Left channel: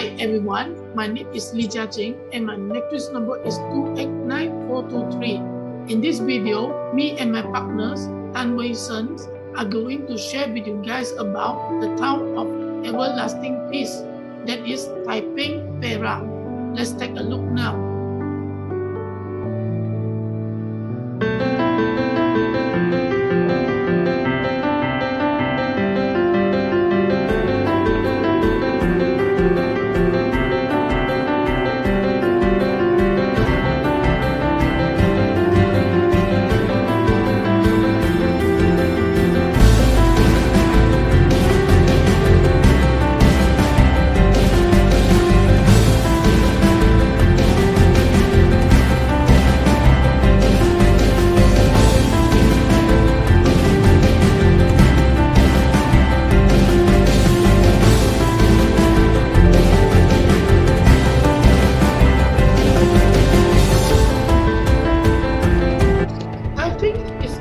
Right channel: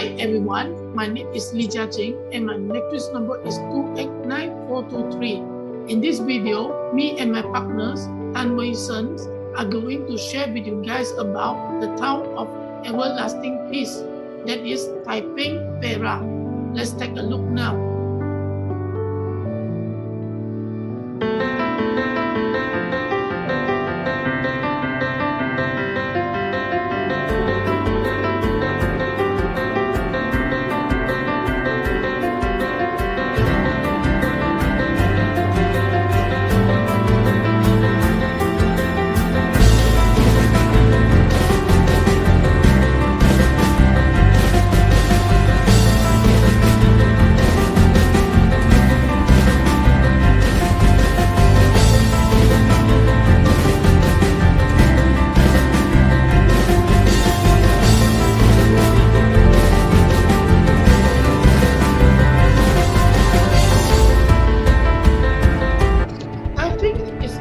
Hi everyone, my name is Jia Chin and my matrix number is 289423. In this video, me and my partners, Wei Shen, are going to share with you guys about the town of everlasting peace, that is Taiping, Perak. Let's take a look now.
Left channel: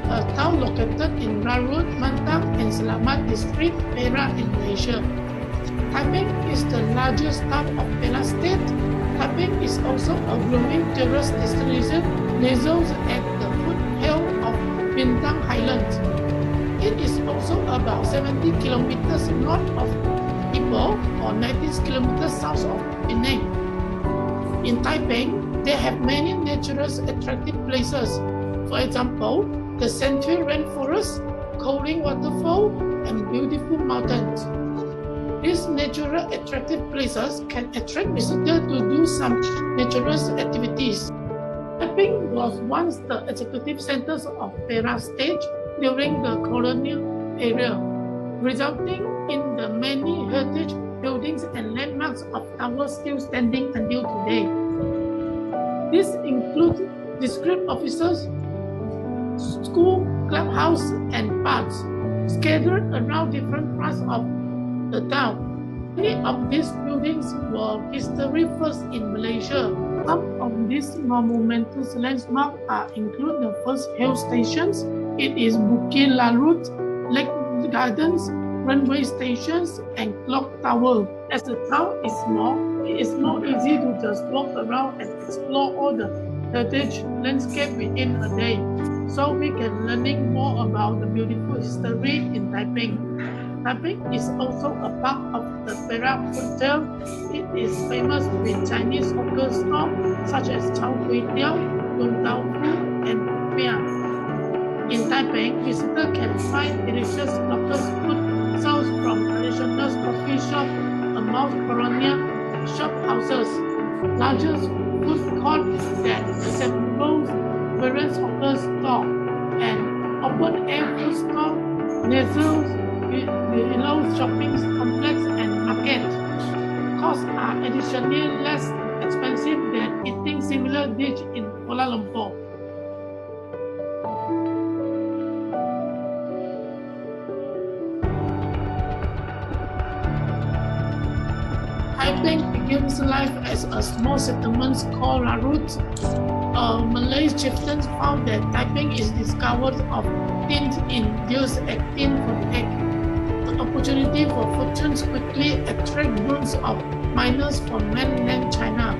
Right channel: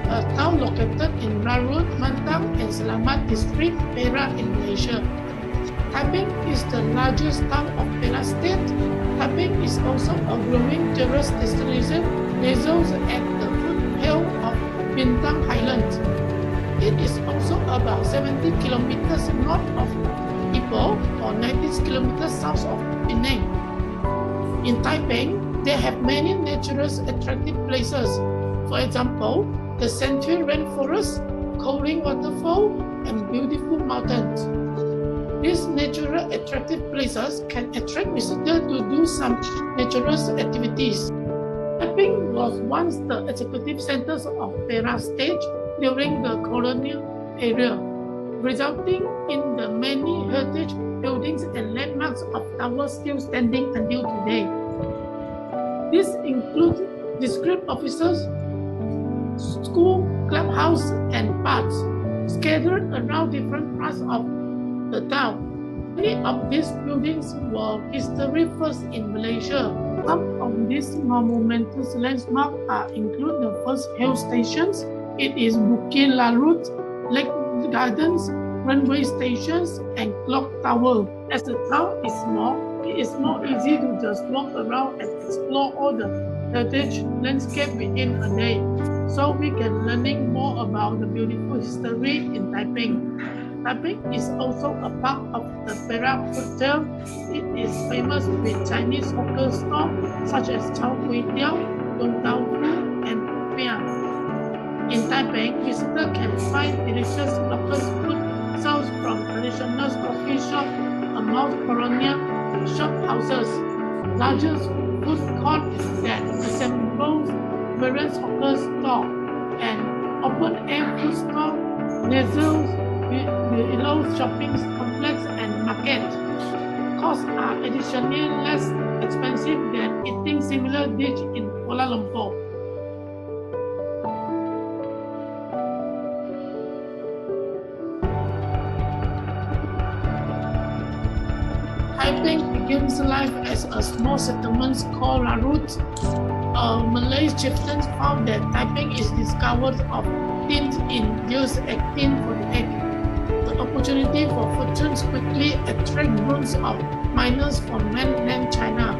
A town located in Larut, Mantang and Selamat district, Perak in Malaysia. Taiping is the largest town of Perak state. Taiping is also a growing tourist destination nestled at the foothill of Bintang Highlands. It is also about 70 kilometers north of Ipoh or 19 kilometers south of Penang. In Taiping, they have many natural attractive places. For example, the central rainforest, cooling waterfall, and beautiful mountains. These natural attractive places can attract visitors to do some natural activities. Taiping was once the executive centers of Perak state during the colonial era, resulting in the many heritage buildings and landmarks of towers still standing until today. These include district offices, school, clubhouse, and parks scattered around different parts of the town. Many of these buildings were history first in Malaysia. Some of these monumental landmarks include the first hill stations. It is Bukit Larut, Lake Gardens, runway stations, and clock tower. As the town is small, it is more easy to just walk around and explore all the heritage landscape within a day, so we can learning more about the beautiful history in Taiping. Taiping is also a part of the Perak Hotel. It is famous with Chinese hawker stores such as Chao Kway Teow, Yong Tau Fu, and Popiah. In Taiping, visitors can find delicious local food sourced from traditional coffee shops, among colonial shop houses, largest food court that assembles various hawker stores, and open-air food store, nestled below shopping complex and market. Costs are additionally less expensive than eating similar dish in Kuala Lumpur. Taiping begins life as a small settlement called Larut. Malay chieftains found that Taiping is discovered of tin in years 1848. The opportunity for fortunes quickly attract groups of miners from mainland China,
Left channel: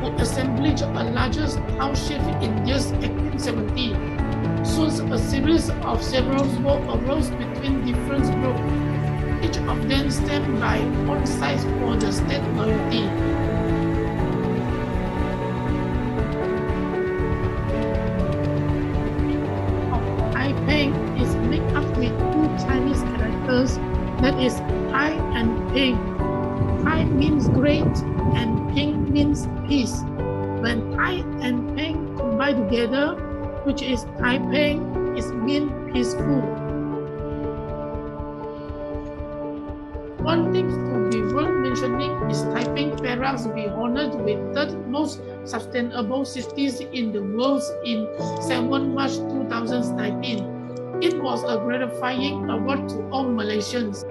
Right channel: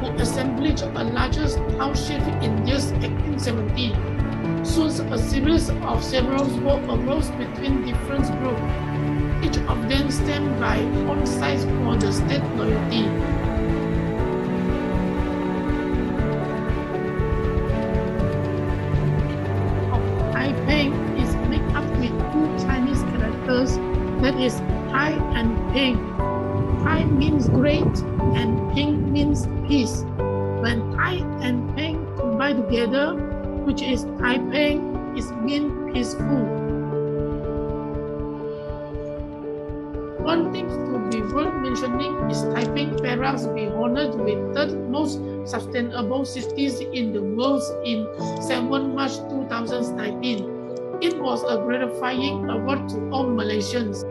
who assembled a larger township in years 1870. Soon a series of several wars arose between different groups. Each of them stand by own sides for the state loyalty. Taiping is made up with two Chinese characters, that is Tai and Ping. Tai means great and Ping means peace. When Tai and Ping combine together, which is Taiping, it means peaceful. One thing to be worth mentioning is Taiping Perak be honored with third most sustainable cities in the world in 7 March 2019. It was a gratifying award to all Malaysians.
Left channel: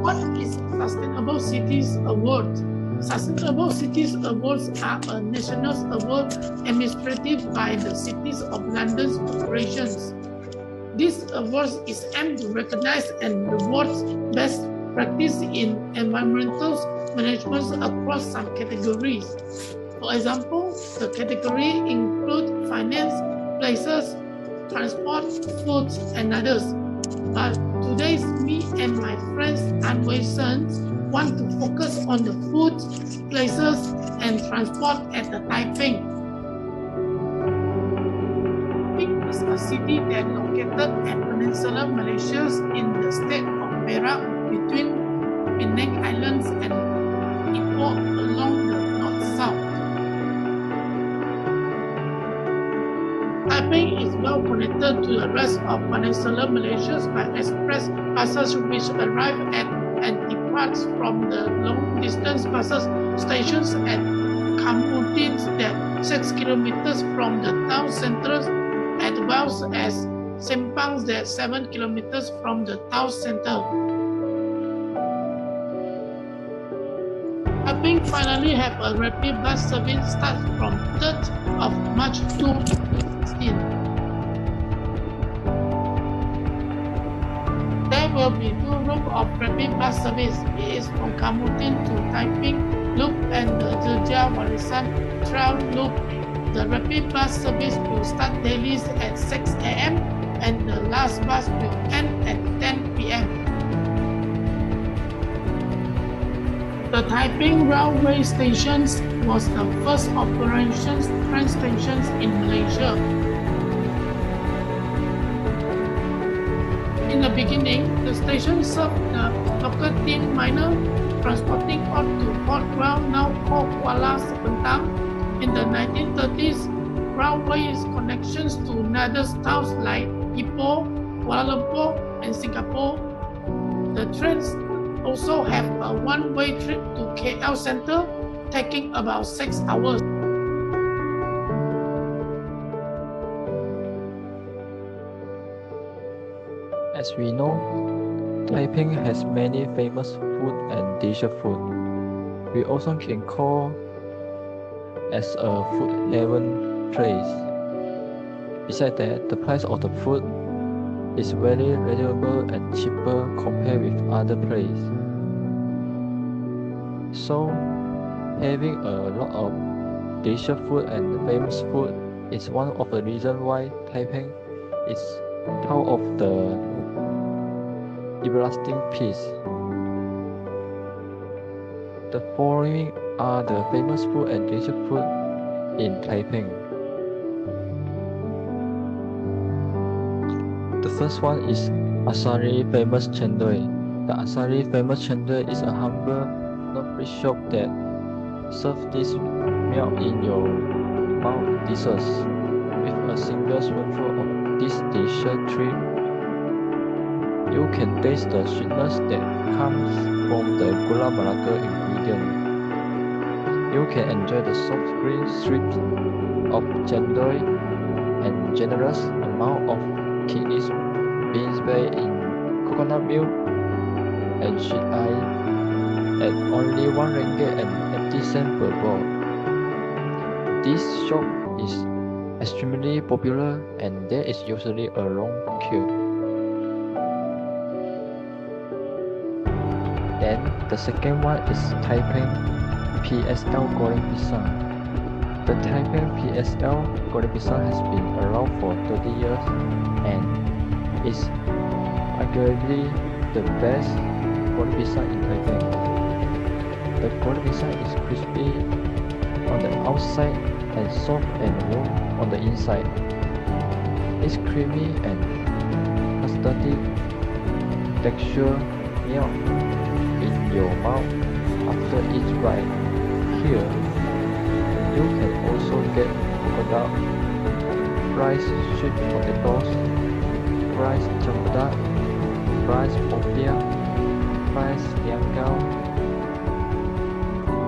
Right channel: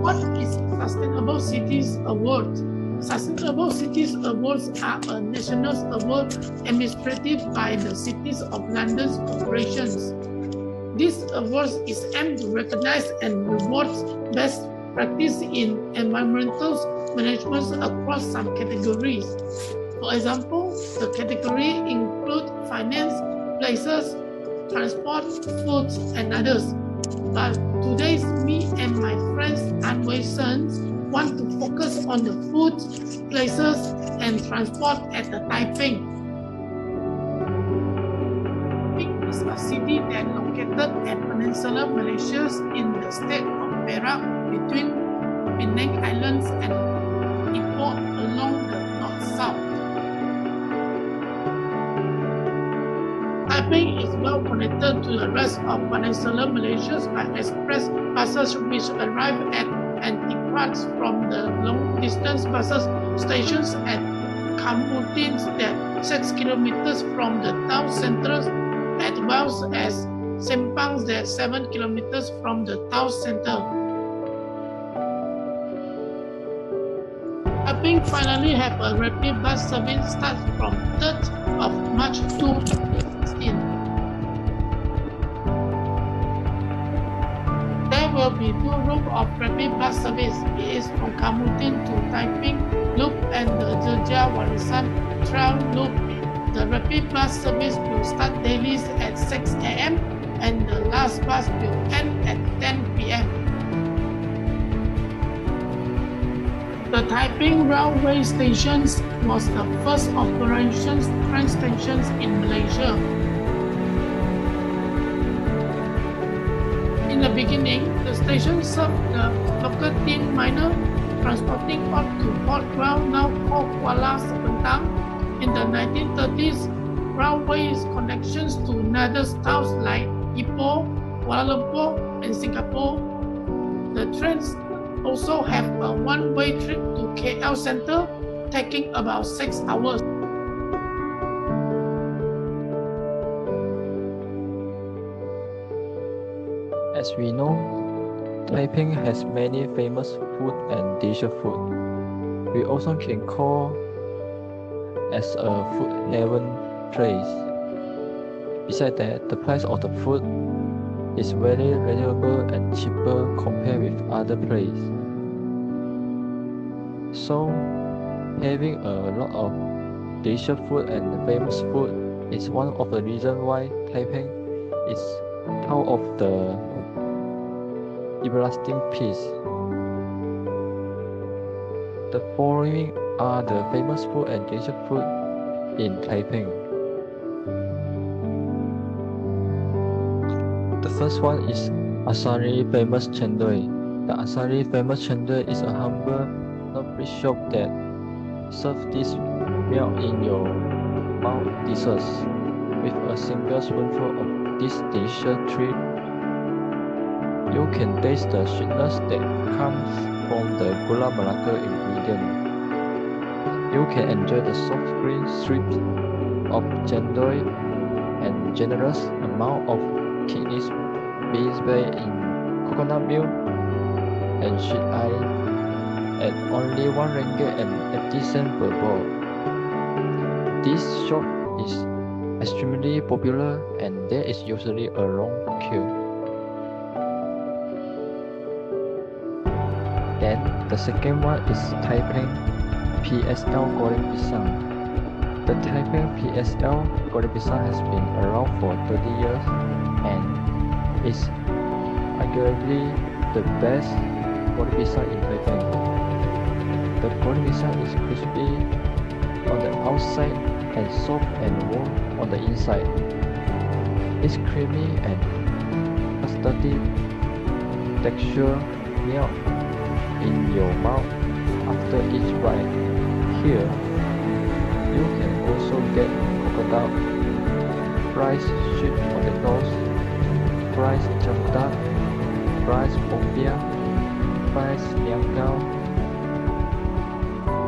What is Sustainable Cities Award? Sustainable Cities Awards are a national award administered by the Cities of London's corporations. This award is aimed to recognize and reward best practice in environmental management across some categories. For example, the category include finance, places, transport, foods, and others. But today, me and my friends and Wei Shen want to focus on the food, places, and transport at the Taiping. Taiping is a city that located at Peninsular Malaysia in the state of Perak between Penang Islands and Ipoh along the north-south. Taiping is well connected to the rest of Peninsular Malaysia by express buses which arrive at and depart from the long-distance buses stations at Kamutin that 6 kilometers from the town centre, as well as Sempang that 7 kilometers from the town centre. Taiping finally have a rapid bus service start from 3rd of March 2016. There will be 2 routes of rapid bus service. It is from Kamutin to Taiping Loop and the Jia Warisan Trail Loop. The rapid bus service will start daily at 6 a.m. and the last bus will end at 10 p.m. The Taiping Railway Station was the first operations train station in Malaysia. In the beginning, the station served the local tin miner transporting ore to Port Royal, now called Kuala Sepentang. In the 1930s, railways connections to other towns like Ipoh, Kuala Lumpur, and Singapore. The trains also have a one-way trip to KL Centre, taking about 6 hours. As we know, Taiping has many famous food and leisure food. We also can call as a food haven place. Besides that, the price of the food is very reasonable and cheaper compared with other places. So, having a lot of leisure food and famous food is one of the reasons why Taiping is part of the everlasting peace. The following are the famous food and leisure food in Taiping. The first one is Asari Famous Chendol. The Asari Famous Chendol is a humble non-fish shop that serves this meal in your mouth dishes. With a single spoonful of this delicious treat, you can taste the sweetness that comes from the gula melaka ingredient. You can enjoy the soft green strips of chendol and generous amount of kidneys beans baked in coconut milk and sweet ice at only 1 ringgit and 80 cents per bowl. This shop is extremely popular and there is usually a long queue. Then the second one is Taiping PSL Goreng Pisang. The Taiping PSL Goreng Pisang has been around for 30 years and is arguably the best goreng pisang in Taiping. The goreng pisang is crispy on the outside and soft and warm on the inside. It's creamy and custardy texture melt in your mouth after each bite. Here, you can also get coconut, fried sweet potatoes, fried cempedak, fried popiah, fried niangao,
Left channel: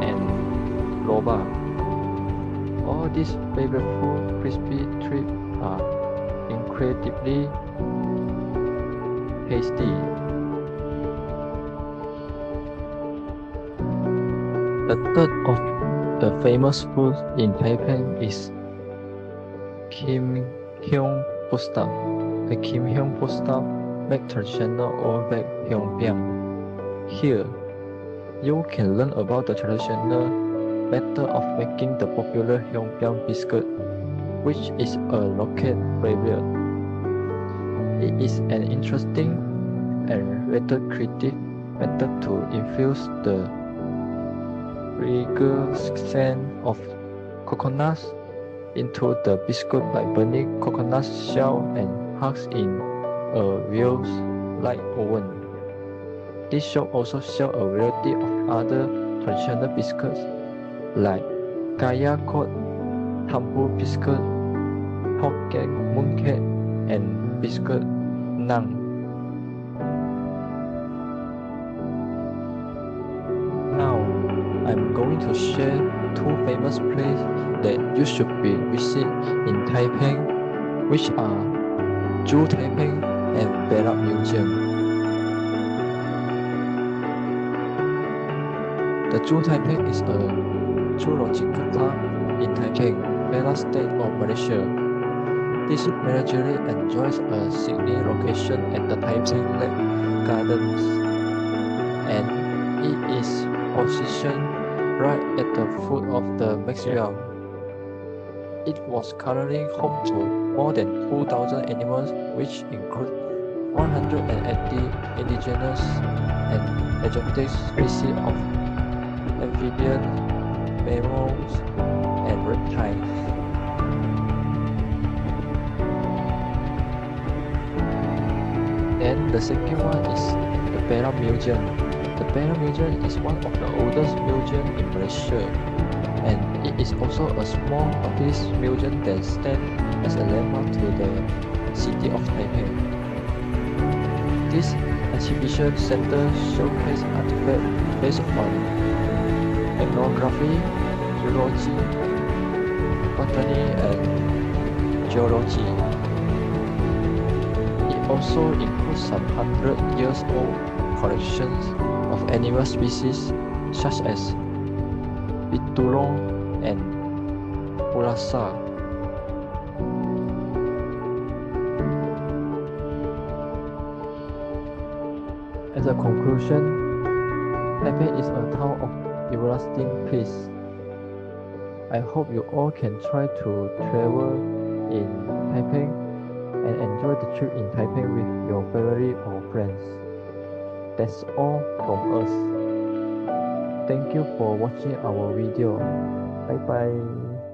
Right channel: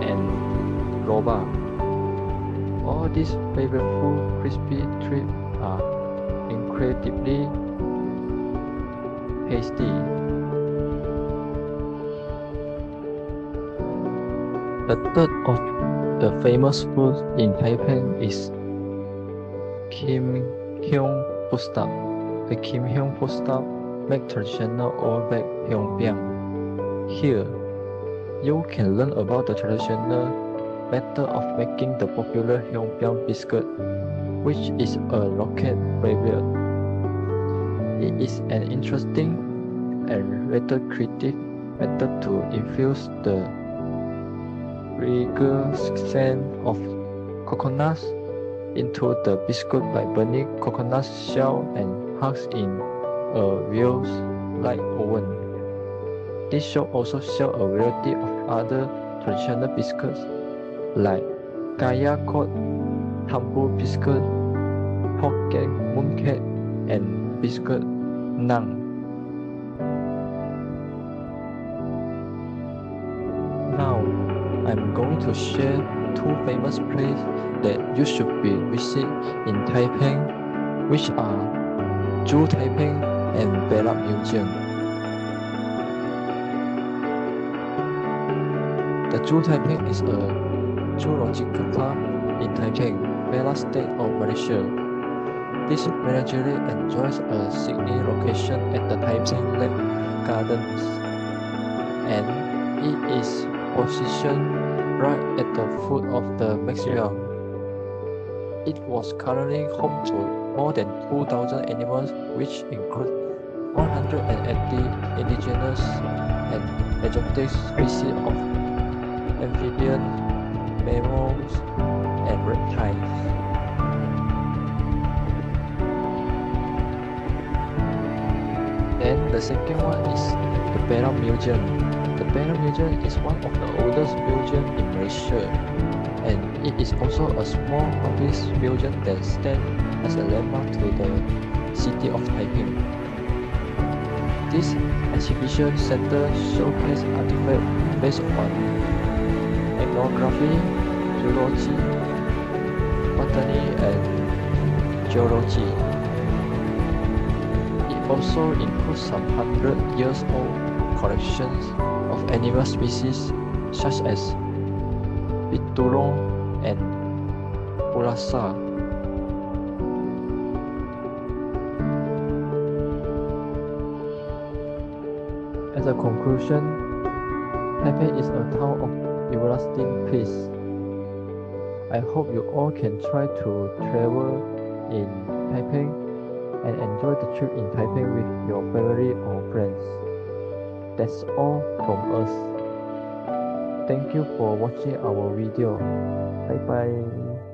and loba. All these flavorful crispy treats are incredibly tasty. The third of the famous food in Taipei is Kim Hyung food stop. The Kim Hyung food stop make traditional old baked hyungbyang. Here, you can learn about the traditional method of making the popular hyungbyang biscuit, which is a local favorite. It is an interesting and rather creative method to infuse the fragrant scent of coconuts into the biscuit by burning coconut shell and husks in a wheels-like oven. This shop also sells a variety of other traditional biscuits like kaya cod, tampu biscuit, Hokkien mooncake, and biscuit naan. Now, I'm going to share two famous places that you should visit in Taipei, which are Zoo Taiping and Perak Museum. The Zoo Taiping is a zoological park in Taiping, Perak state of Malaysia. This menagerie enjoys a scenic location at the Taiping Lake Gardens, and it is positioned right at the foot of the Maxwell. It was currently home to more than 2,000 animals, which include 180 indigenous and exotic species of amphibians, mammals, and reptiles. Then the second one is the Perak Museum. The Perak Museum is one of the oldest museums in Malaysia, and it is also a small public museum that stands as a landmark to the city of Taipei. This exhibition center showcases artifacts based on ethnography, zoology, botany, and geology. It also includes some 100-year-old collections of animal species such as biturong and urasa. As a conclusion, Taipei is a town of everlasting peace. I hope you all can try to travel in Taipei and enjoy the trip in Taipei with your family or friends. That's all from us. Thank you for watching our video. Bye bye.